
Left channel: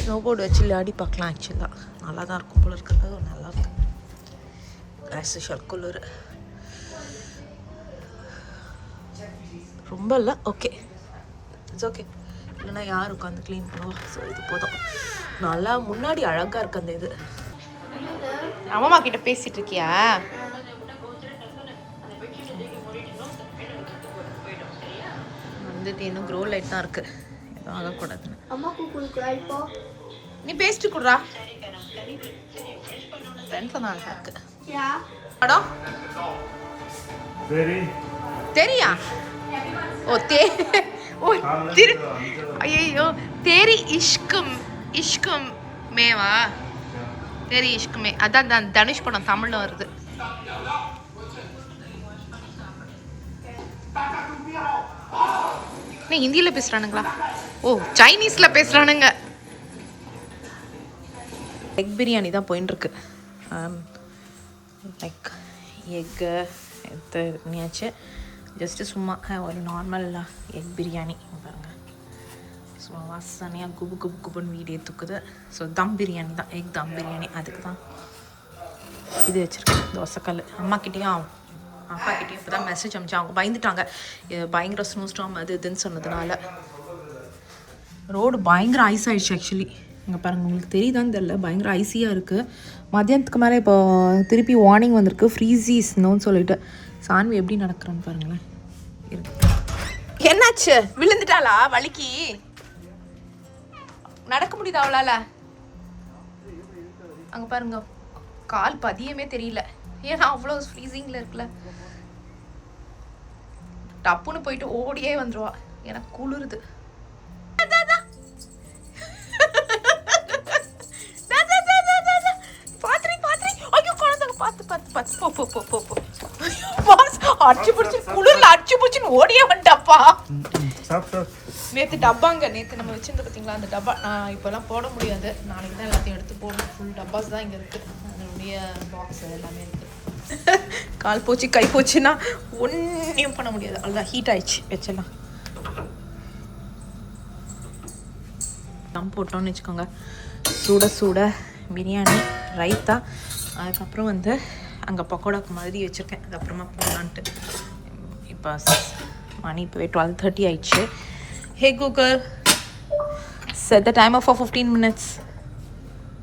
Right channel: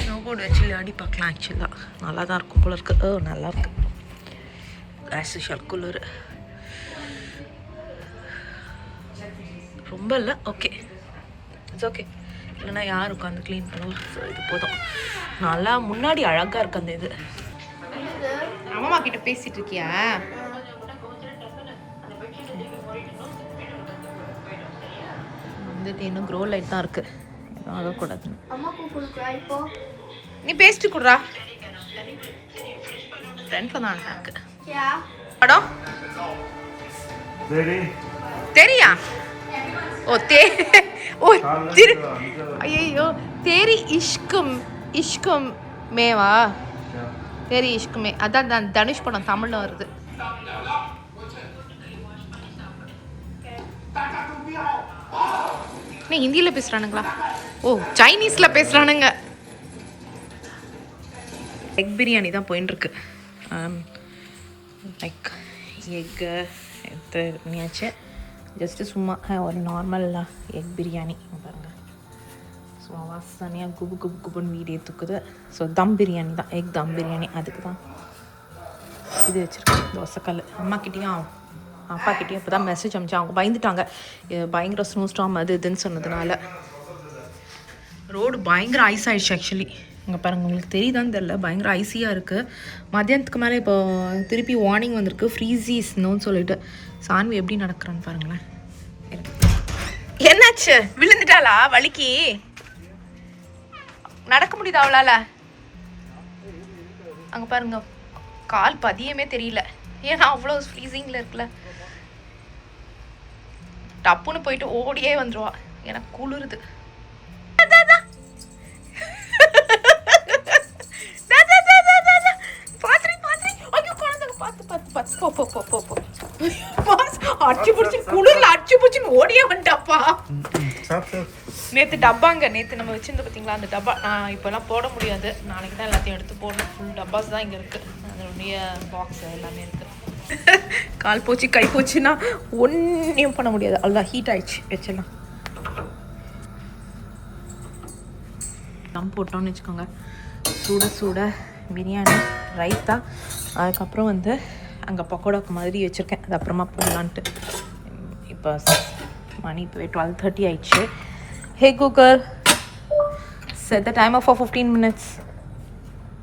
ஸ்னோ போர்டு வச்சு விளையாடி பார்க்கலாம். ஆக்சுவலாக நல்லா தான் இருக்கும் போல இருக்கு. நல்லா இருக்கு. ஆஸ் யூஷுவல் குளிர் ரொம்ப இல்லை. Okay it's okay. இல்லைன்னா யார் உட்காந்து க்ளீன் பண்ணுவோம். ஸோ இது போதும். நல்லா முன்னாடி அழகாக இருக்கு அந்த இது. அம்மா கிட்ட பேசிட்டு இருக்கியா? வந்துட்டு இன்னும் க்ரோ லைட் தான் இருக்கு, எதுவும் ஆகக்கூடாதுன்னு. நீ பேசிட்டு கொடுறா. ஃப்ரெண்ட்ல தான் அழகா இருக்கு. படம் தெரியா? ஓ ஓ ஐயோ தேரி இஷ்கம் மேவா? தேரி இஷ்குமே, அதான் தனுஷ் படம் தமிழ்ல வருது. நீ ஹிந்தியில பேசுறானுங்களா? ஓ சைனீஸ்ல பேசுறானுங்க. எக் பிரியாணி தான் போயின்னு இருக்கு. லைக் எக்கு எடுத்து பண்ணியாச்சு. ஜஸ்ட்டு சும்மா ஒரு நார்மல் எக் பிரியாணி பாருங்கள். சும்மா வாசனையாக குபு குபு குபுன்னு வீடியோ தூக்குது. ஸோ தம் பிரியாணி தான், எக் தம் பிரியாணி. அதுக்கு தான் இது வச்சுருக்கேன், தோசைக்கல். அம்மாக்கிட்டேயும் அப்பாக்கிட்டேயும் இப்போ தான் மெசேஜ் அனுப்பிச்சேன். அவங்க பயந்துட்டாங்க, பயங்கர ஸ்னோ ஸ்டாம் அது இதுன்னு சொன்னதுனால. ரோடு பயங்கர ஐஸ் ஆகிடுச்சு ஆக்சுவலி. இங்கே பாருங்கள், உங்களுக்கு தெரியுதான்னு தெரில, பயங்கர ஐஸியாக இருக்குது. மதியானத்துக்கு மேலே இப்போ திருப்பி வார்னிங் வந்திருக்கு, ஃப்ரீஸி ஸ்னோன்னு சொல்லிட்டு. சான்வி எப்படி நடக்கிறான்னு பாருங்களேன். என்னாச்சு? விழுந்துட்டாளா? வலிக்கு நடக்க முடியுது அவளால? அங்கே பாருங்க, கால் பதியமே தெரியல, ஏன்னா அவ்வளோ ஃப்ரீசிங்கில் இருக்குல்ல. டப்புன்னு போயிட்டு ஓடியே வந்துடுவா, எனக்கு குளிருது. ஓடியே வந்துட்டாப்பா. நேத்து டப்பாங்க, நேத்து நம்ம வச்சிருந்த பாத்தீங்களா அந்த டப்பா, நான் இப்பெல்லாம் போட முடியாது, நாளைக்கு தான் எல்லாத்தையும் எடுத்து போடணும். ஃபுல் டப்பாஸ் தான் இங்க இருக்கு, அதனுடைய பாக்ஸ் எல்லாமே இருக்கு. கால் போச்சு கை போச்சுன்னா ஒன்றையும் பண்ண முடியாது, அவ்வளோதான். ஹீட் ஆயிடுச்சு, வச்சிடலாம். தம் போட்டோன்னு வச்சுக்கோங்க, சுட சுட பிரியாணி, ரைத்தா, அதுக்கப்புறம் வந்து அங்கே பக்கோடாக்கு மாதிரி வச்சுருக்கேன், அது அப்புறமா போடலான்ட்டு. இப்போ மணி இப்போவே 12:30 ஆயிடுச்சு. ஹே Google, set the timer for 15 minutes.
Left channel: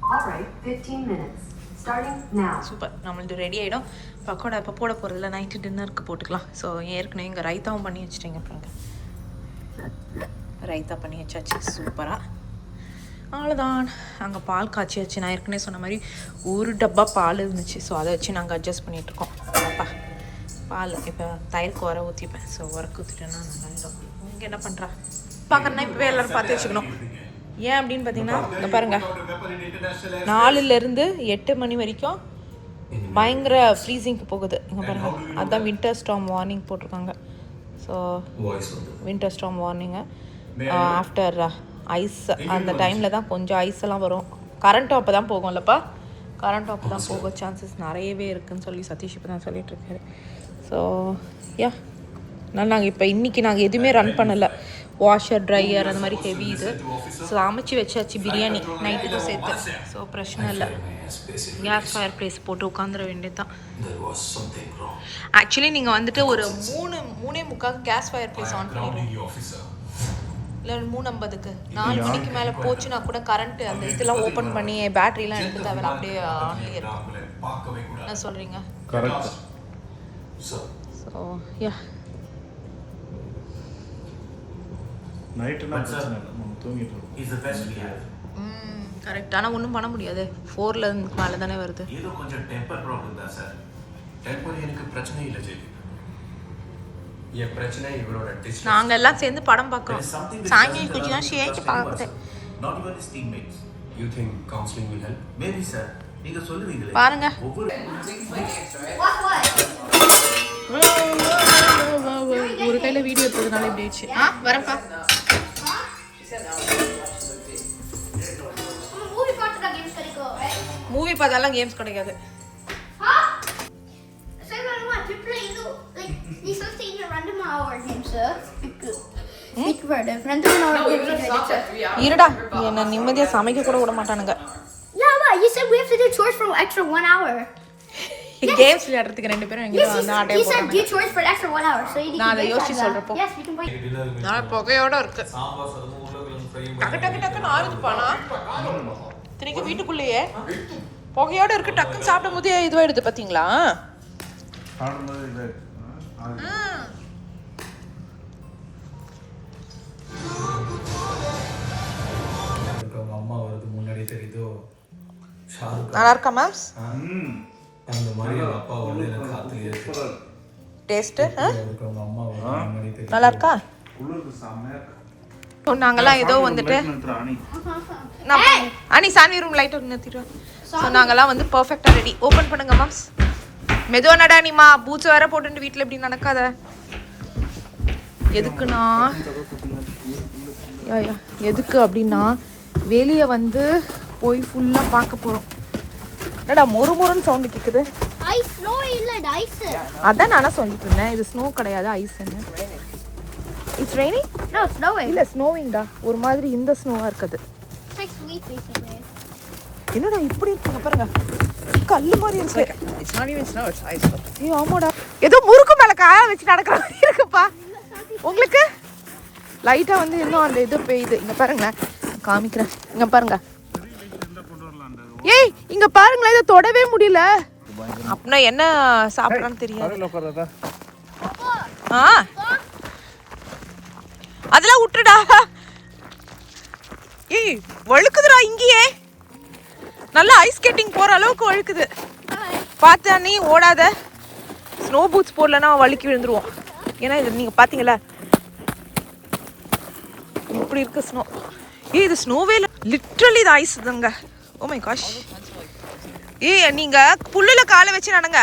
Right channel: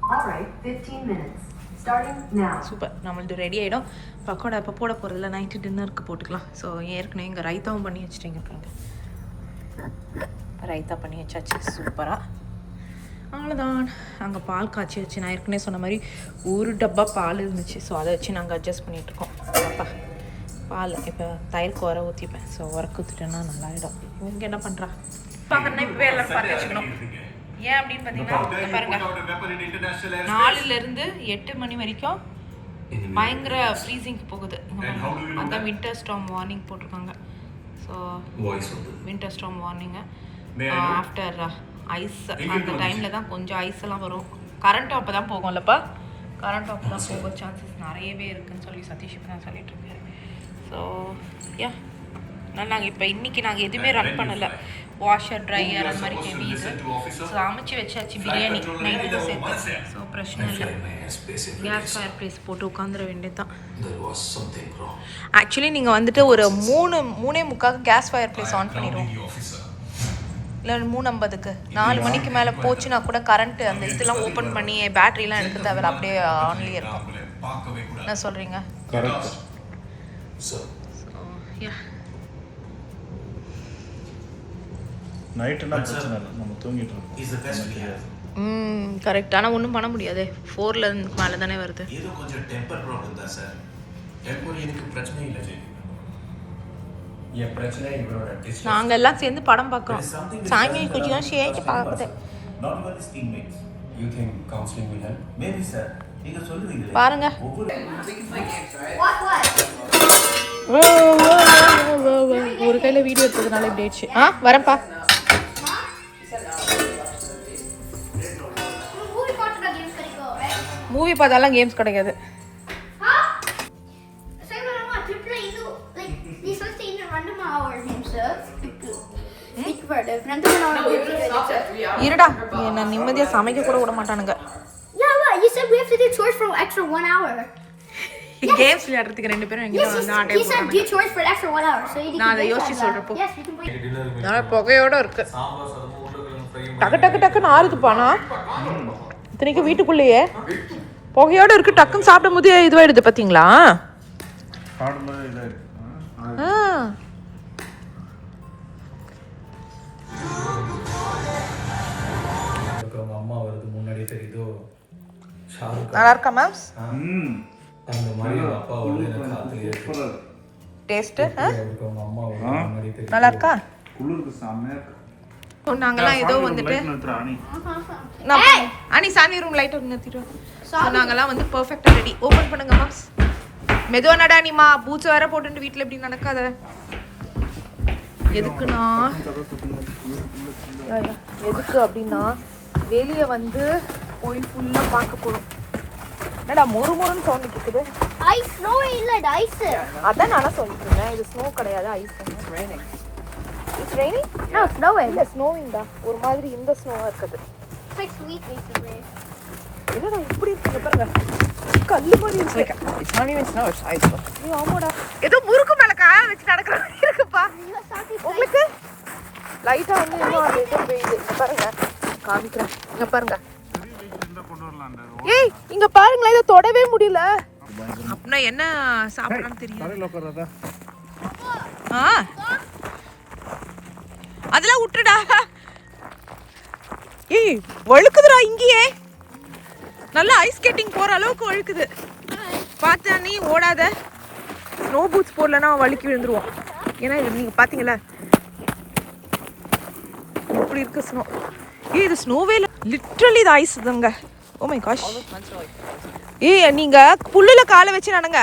All right, 15 minutes. Starting now. Super, நம்மளது ரெடி ஆகிடும். பக்கோடா இப்போ போட போகிறதில்ல, நைட்டு டின்னருக்கு போட்டுக்கலாம். ஸோ ஏற்கனவே இங்கே ரைத்தாவும் பண்ணி வச்சுட்டேங்க பாருங்க. ரைத்தா பண்ணி வச்சாச்சு சூப்பராக. அவ்வளோதான். அங்கே பால் காய்ச்சியாச்சு. நான் ஏற்கனவே சொன்ன மாதிரி ஒரு டப்பா பால் இருந்துச்சு, ஸோ அதை வச்சு நாங்கள் அட்ஜஸ்ட் பண்ணிகிட்ருக்கோம். அப்பா பால் இப்போ தயிருக்கு உர ஊற்றிப்பேன். ஸோ உரக்கு ஊற்றிட்டேன்னா நல்லாயிடும். இங்கே என்ன பண்ணுறா பார்க்குறேன்னா இப்போவே எல்லோரும் பார்த்து வச்சுக்கணும். ஏன் அப்படின்னு பார்த்தீங்கன்னா இங்கே பாருங்கள், 4லேருந்து 8 மணி வரைக்கும் பயங்கர ஃப்ரீசிங்க்கு போகுது. இங்கே பாருங்கள், அதுதான் வின்டர் ஸ்டார்ம் வார்னிங் போட்டிருக்காங்க. So winter storm warning after ice, அந்த டைமில் தான் கொஞ்சம் ஐஸ் எல்லாம் வரும். கரண்ட் அப்போ தான் போகும்லப்பா, கரண்ட் அப்போ தான் போக சான்சஸ் நிறையவே இருக்குதுன்னு சொல்லி சதீஷ் இப்போ தான் சொல்லிகிட்ருக்காரு. ஸோ யா, அதனால் நாங்கள் இப்போ இன்றைக்கி நாங்கள் எதுவுமே ரன் பண்ணலை, வாஷர் ட்ரையர் அந்த மாதிரி ஹெவி இது. ஸோ அமைச்சு வச்சாச்சு பிரியாணி நைட்டுக்கு சேர்த்து. ஸோ பிரச்சனை இல்லை, கேஸ் ஃபயர் ப்ளேஸ் போட்டு உட்காந்துட வேண்டியது தான். ஆக்சுவலி நீங்கள் வந்துட்டு ஒரு 3:45 கேஸ் ஃபயர் ப்ளேஸ் ஆன் பண்ணிடுவோம், இல்லை 3:50க்கு. 4 மணிக்கு மேலே போச்சுன்னா கூட கரண்ட்டு அந்த இதெல்லாம் ஓப்பன் பண்ணி பேட்டரிலாம் எடுக்க தேவையில்ல, அப்படியே ஆன்லேயே இருக்கும். என்ன சொல்கிறீங்க? கரெக்ட். So yeah, correct. ஆனால் ஒன்றும் பண்ண முடியாது, 4ல மேலே தானே வருது. ஏதோ கொஞ்சம் டெம்பர் ப்ராப்ளம் தான் சார். டெம்பர் எனக்கு பிரச்சனை இல்லை ஜெய். என் பிரச்சனை இவரோட டிஸ்டன்ஸ். நாங்கள் எல்லாம் சேர்ந்து படம் பார்க்குறோம், சாமி குச்சி தான் ஷேச்சு பார்க்குது. Not even his teammates. You think counseling will help? Maybe sir. நீங்க சொல்லுவீங்களே பாருங்க. ஒரு கையில் வீடியோ எடுத்ததுனால இப்படி ஆயிடுச்சு. வரேன்ப்பா. மூவி பார்த்தாலாம் கேம்ஸ் கிடைக்காது. இருடா, என்ன நிம்மதியா சமைக்க கூட விட மாட்டானுங்க. கேம்ஸ் விளையாடுறதுக்கு 2 பேரும் எங்கிட்ட வந்து ஆட்டே போறாங்க. நான் அதை யோசிச்சு சொல்றப்போ புகையோட இருக்கு. டக்கு டக்கு டக்குன்னு ஆறுதுப்பானா இத்தனைக்கும் வீட்டுக்குள்ளேயே புகையோட இருக்கு. டக்குன்னு சாப்பிடும் போது இதுவாயிடுது பார்த்தீங்களா? சாப்பிடும்போது இது அம்மா வருது முன்னாடி தெரியுதோ நல்லா இருக்கா மேம்ஸ்? அந்த மாதிரி ஒரு அப்பா வந்து எனக்கு காத்துலயே டேஸ்ட்டு அம்மா முன்னாடி தெரியும். நல்லா இருக்கா? குளிருக்கு செம்மையா நாங்கெல்லாம் ஏதோ வந்துட்டு அனி சாமி ரூம் லைட் ஒன்று நிறுத்திடுவோம். ஸோ நாங்கெல்லாம் வந்து பர்ஃபெக்டாக ரெடி. ஓப்பன் பண்ணுங்க மேம்ஸ். மெதுவா நடா நீமா, பூச்சி வேற போட்டுட்டு வீட்டில் இப்படி நடக்காத. எதுக்குன்னா எதுக்கு அப்படின்னா வெளியே வந்து போய் ஃபுல்லாக பார்க்க போகிறோம். என்னடா மொறு மொறுன்னு சவுண்ட் கேட்குது? ஐஸ் ஸ்னோ இல்ல ஐஸ். அதான் நான் சொல்லிட்டேன், இது ஸ்னோ கிடையாது, ice. It's raining? No, snowing. இல்ல snowing டா. ஒரு மாதிரி இந்த ஸ்னோவா இருக்குது. It's like sweet basically. என்னடா இப்படி இருக்கு பாருங்க. கல்லு மாதிரி இருக்கு. It's not even snow, it's ice. ஏய் ஆமாடா. ஏதோ முறுக்கு மேல கால வச்சு நடக்கற மாதிரி இருக்குப்பா. உங்களுக்கு லைட்டா வந்து ஏதோ இது பெய்யுது. இங்க பாருங்க. காமிக்கிறேன். இங்க பாருங்க. ஏய் இங்க பாருங்களேன், இத தொடவே முடியல. அப்பனா என்ன சாப்பிடறான்னு தெரியாது. ஆ அதெல்லாம் விட்டுடா. ஏய் வழுக்குதுடா இங்கேயே. நல்லா ஐஸ் ஸ்கேட்டிங் போற அளவுக்கு வழுக்குது. பார்த்தா நீ ஓடாத. ஸ்னோ பூட்ஸ் போடலன்னா வழுக்கி விழுந்துருவோம். ஏன்னா இது நீங்க பாத்தீங்களா இப்படி இருக்கு ஸ்னோ. ஏய் இது ஸ்னோவே இல்ல, லிட்டரலி இது ஐஸ் தாங்க. Oh my gosh. ஏய் நீங்க புல்லுல காலை வச்சு நடங்க,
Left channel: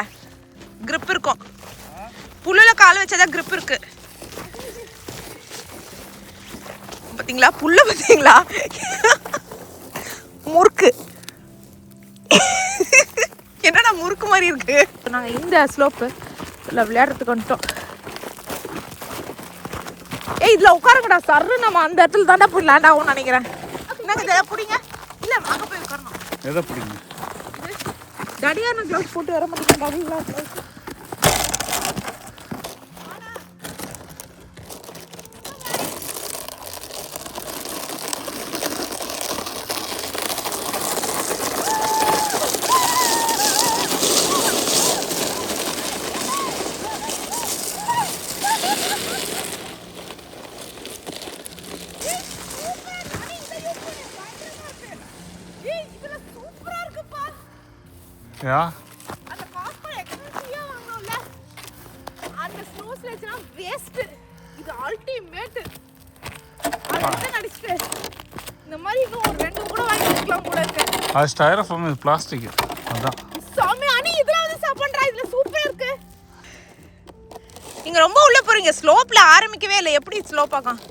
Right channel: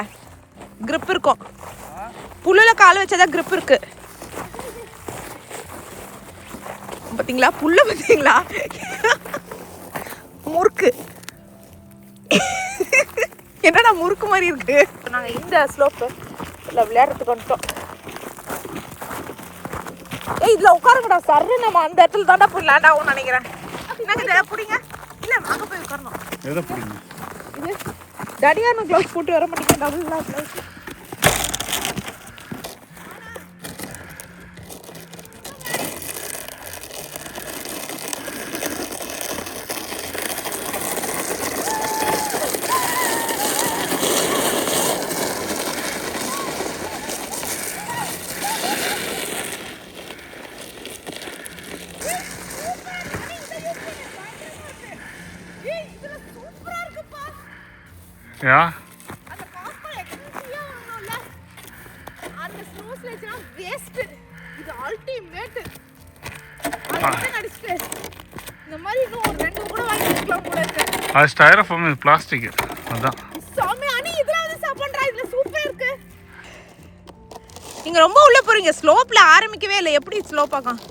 grip இருக்கும். புல்லுல காலை வச்சாதான் grip இருக்கு. பாத்தீங்களா புல்ல பாத்தீங்களா? முறுக்கு என்னடா முறுக்கு மாதிரி இருக்கு. நாங்க இந்த ஸ்லோப்ல விளையாடுறதுக்கு வந்துட்டோம். ஏய் இதுல உட்காருங்கடா. சர்ற நம்ம அந்த இடத்துல தாண்டா போய் லேண்ட் ஆகும் நினைக்கிறேன். என்னங்க இதை பிடிங்க. இல்ல அங்க போய் உட்காரணும். எதை பிடிங்க? தடியான க்ளவுஸ் போட்டு வர மாட்டேங்க. Double gloves. யா அந்த காப்பர் எக்ஸ்பென்சிவா வாங்கணும்ல. அந்த ஸ்னோ ஸ்லெட்ஜ்னா வேஸ்ட். இது அல்டிமேட். அது நடிச்சிட்டு இந்த மாதிரி இன்னும் ஒரு ரெண்டு கூட வாங்கி வைக்கலாம் போல இருக்கு. அது ஸ்டைரோஃபோம், இது பிளாஸ்டிக். அதான் சாமி அனி இதெல்லாம் வந்து சாப்பிடுறா. இதுல சூப்பரா இருக்கு. நீங்க ரொம்ப உள்ள போறீங்க. ஸ்லோப்ல ஆரம்பிக்கவே இல்லை. எப்படி ஸ்லோப் ஆகும்?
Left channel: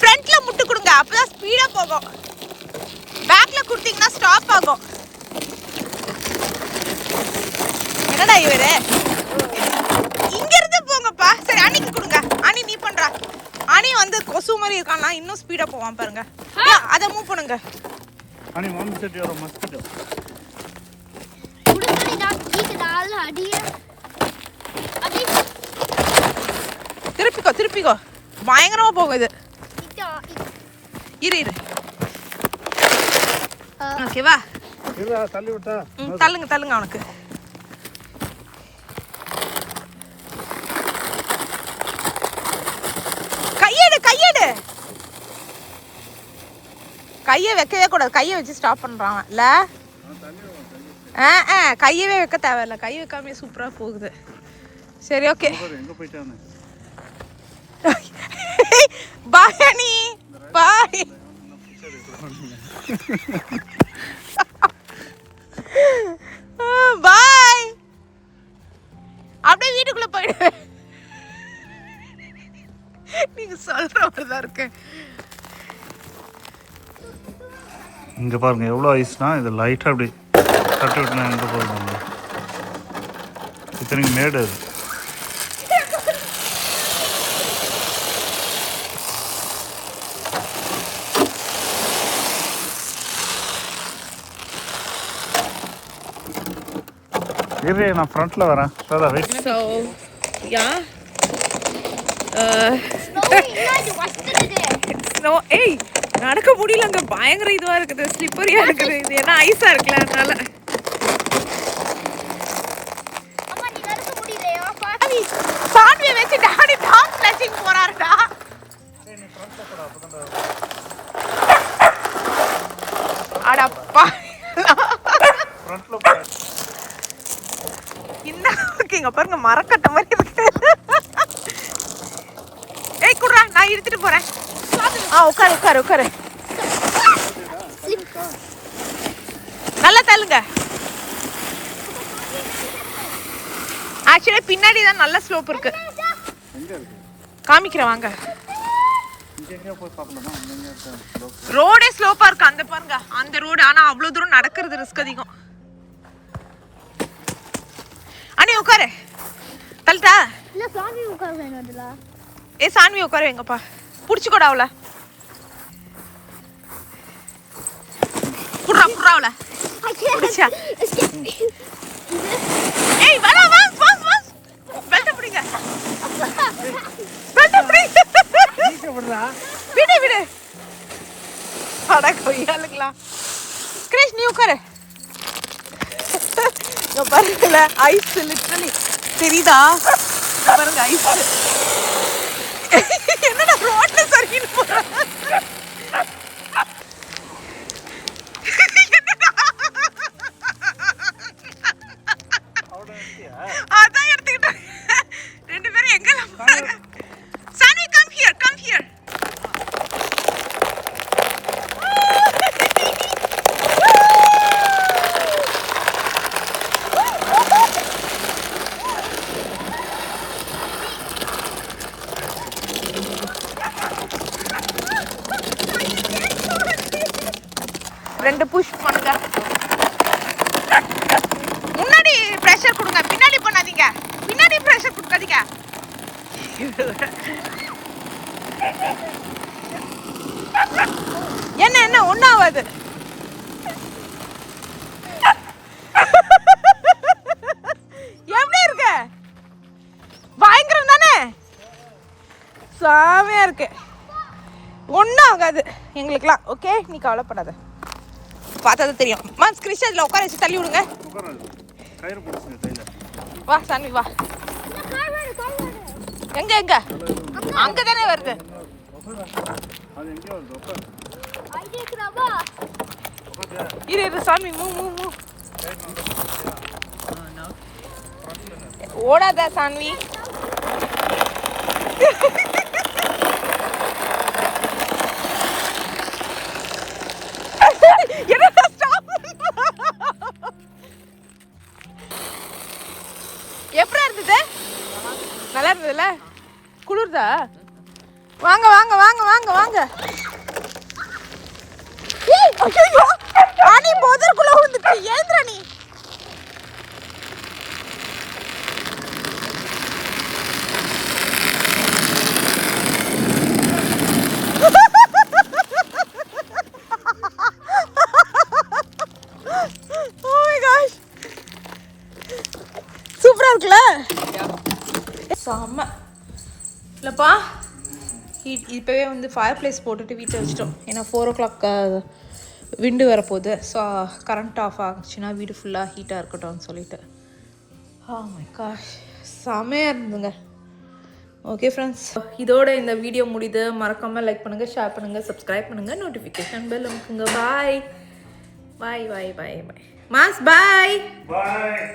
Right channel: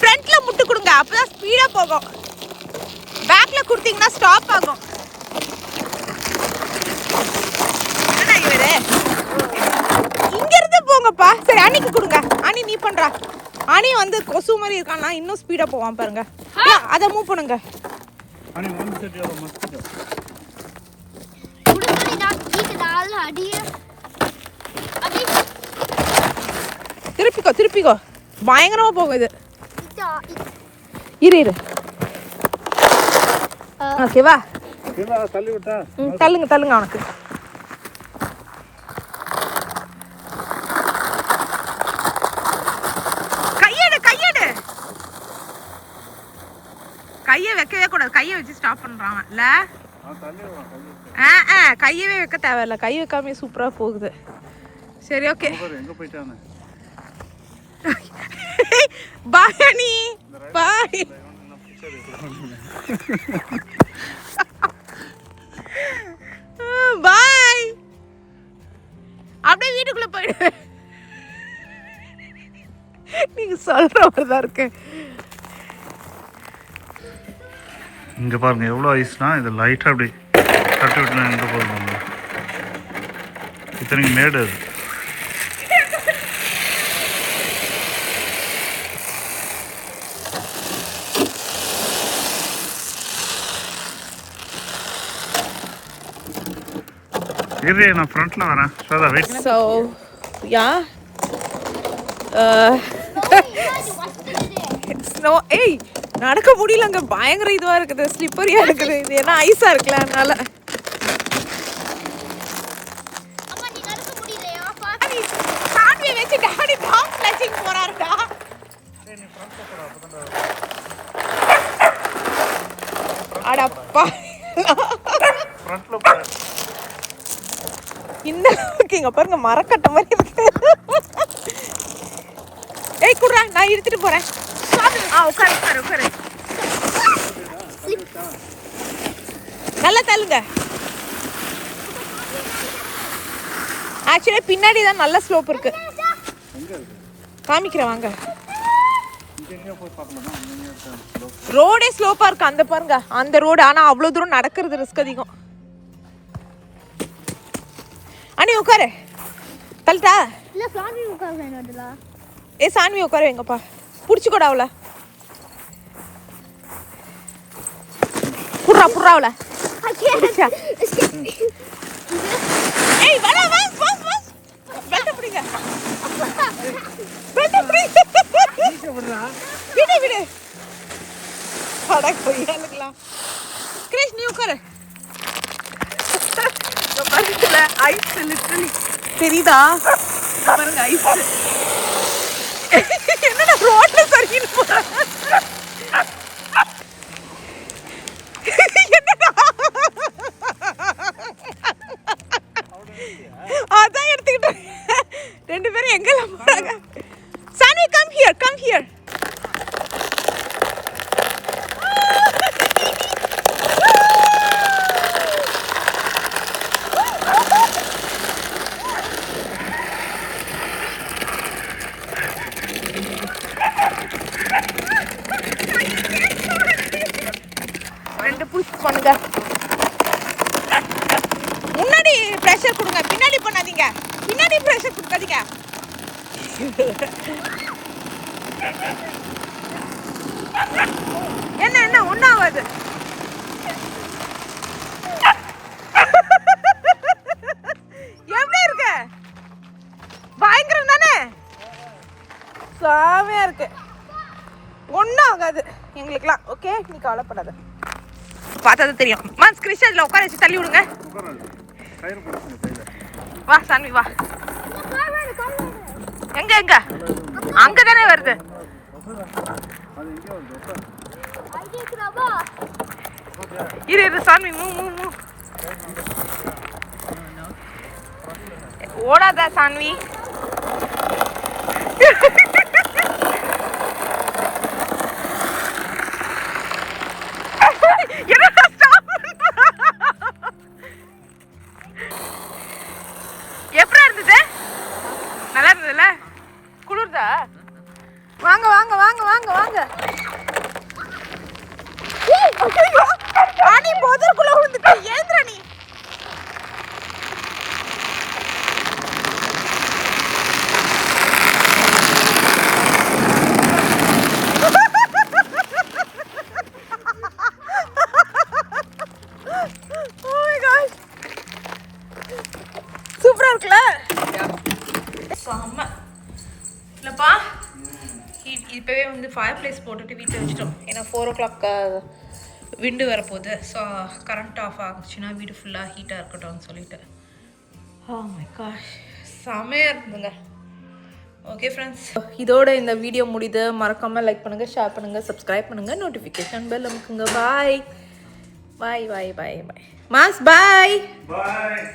ஃப்ரண்ட்ல முட்டு கொடுங்க, அப்பதான் ஸ்பீடா போகும். பேக்ல கொடுத்தீங்கன்னா ஸ்டாப் ஆகும். என்னடா இவரு இங்க இருந்து போங்கப்பா. சரி அணிக்கு கொடுங்க. அணி நீ பண்றா. அணி வந்து கொசு மாதிரி இருக்கானா, இன்னும் ஸ்பீடா போவான் பாருங்க. அத மூவ் பண்ணுங்க. அனி ஒன் செட் யோர மஸ்கிட்டோ. குடுக்குறீ நான் கீக்குதால அடியே. அடி திருப்பிக்கோ திருப்பிக்கோ. பயங்கரமா போகுது. இரு இரு. ஓகேவா? இல்ல தள்ளி விட்டா. தள்ளுங்க தள்ளுங்க அவனுக்கு. கையெடு கையெடு. கையை வைக்கவே கூடாது. கையை வச்சு ஸ்டாப் பண்றான் இல்ல? கையவே வைக்க தேவையில்ல. கை வைக்காம சூப்பரா போகுது. சரி ஓகே. எங்க போயிட்டானே? பாய் அனி பாய். பாய். அப்படியே வீட்டுக்குள்ள போயிடு. நீங்க சொல்ற மாதிரிதான் இருக்கு. இங்க பாருங்க எவ்வளோ ஐஸ்னா, இது லைட்டா அப்படி தட்டி விட்டுனா எங்க போகுது. இத்தனைக்கு மேடு அது. இரு நான் ஃப்ரண்ட்ல வரேன். Shweta wait. So yeah, snow ஏய் நடக்க முடியலங்க, பயங்கர இதுவா இருக்குது, ஸ்லிப்பரியா இருக்குது. இது என்ன ஐஸா இருக்குல்ல, அதனால. அம்மா நீ நடக்க முடியலையா? பாட்டி சாண்ட்வி வச்சு டாடி டாப் ஸ்லாஷிங் போறாருடா. அடப்பா ஃப்ரண்ட்ல போற இந்த அளவுக்கு இங்க பாருங்க மரக்கட்ட மாதிரி இருக்கு. ஏய் குர்ரா, நான் எடுத்துட்டு போறேன். உட்காரு உட்காரு உட்காரு. நல்லா தள்ளுங்க. ஆக்சுவலி பின்னாடி தான் நல்ல ஸ்லோப் இருக்கு. காமிக்கிறேன் வாங்க. இங்க போய் பார்க்கலாமா? இங்க இருக்க ரோடே ஸ்லோப்பா இருக்கு, அந்த பாருங்க அந்த ரோடு. ஆனா அவ்வளவு தூரம் நடக்கிறது ரிஸ்க் அதிகம். அண்ணி உட்காரு. தள்ளிட்டா? இல்ல சாமி உட்கார வேணும்டா. ஏ சான்வி உட்காரு எங்கப்பா. புடிச்சுக்கோடா அவளை. புடுறா புடுறா அவளை. புடிச்சா. ஏய் வா வா வா வா. பெல்ட் பிடிங்க. பெல்ட் பிடிங்க. விடு விடு. அட கொய்யாலுங்களா. கிரேஷ் நீ உட்காரு. பாருங்கல ஐஸ் லிட்டரலி தெரியுதா? பாருங்க ஐஸ். என்னடா ரோட்ல சறுக்கிட்டு போற? அதான் எடுத்துக்கிட்டேன். ரெண்டு பேரும் எங்கெல்லாம் போறாங்க? சானி கம் ஹியர் கம் ஹியர். ரெண்டு புஷ் பண்ணுங்க. முன்னாடி பிரஷர் கொடுங்க, பின்னாடி பண்ணாதீங்க. பின்னாடி பிரஷர் கொடுக்காதீங்க. என்ன என்ன ஒன்னும் ஆகாது. எப்படி இருக்கு? பயங்கரம் தானே? சாமையா இருக்கு. ஒன்னும் ஆகாது எங்களுக்குலாம். ஓகே நீ கவலைப்படாத. பார்த்தா தெரியும். மாஸ் கிறிஸ்டல்ல உட்கார வச்சு தள்ளி விடுங்க. கயிறு பிடிச்சுங்க கையில. வா சான்வி வா. எங்க எங்க? அங்க தானே வருது. அது எங்க வருது? உட்காரு. ஐடியாக்குறாபா. இரு இரு சான்வி மூ மூ மூ. ஓடாதா சான்வி. எப்படி இருந்தது? நல்லா இருந்ததுல? குளிர்தா? வாங்க வாங்க வாங்க வாங்க வாங்க. ராணி போதற்குள்ள வந்துட்டு ஏன் ராணி? சூப்பரா இருக்குல்ல? செம்ம இல்லப்பா. இப்போவே வந்து ஃபயர் பிளேஸ் போட்டுட்டு வீட்டில் வச்சிட்டோம். ஏன்னா 4 o'clock விண்டு வரப்போகுது. ஸோ கரண்ட் ஆஃப் ஆச்சுன்னா வீடு ஃபுல்லாக ஹீட்டாக இருக்கட்டும்னு சொல்லிட்டு. மை காஷ் செமையாக இருந்துங்க. ஓகே ஃப்ரெண்ட்ஸ், இதோட இந்த வீடியோ முடியுது. மறக்காமல் லைக் பண்ணுங்கள், ஷேர் பண்ணுங்கள், சப்ஸ்கிரைப் பண்ணுங்கள், நோட்டிஃபிகேஷன் பெல் அமுக்குங்க. பாய் பாய் பாய் பாய் பாய். மாஸ் பாய். பாய்.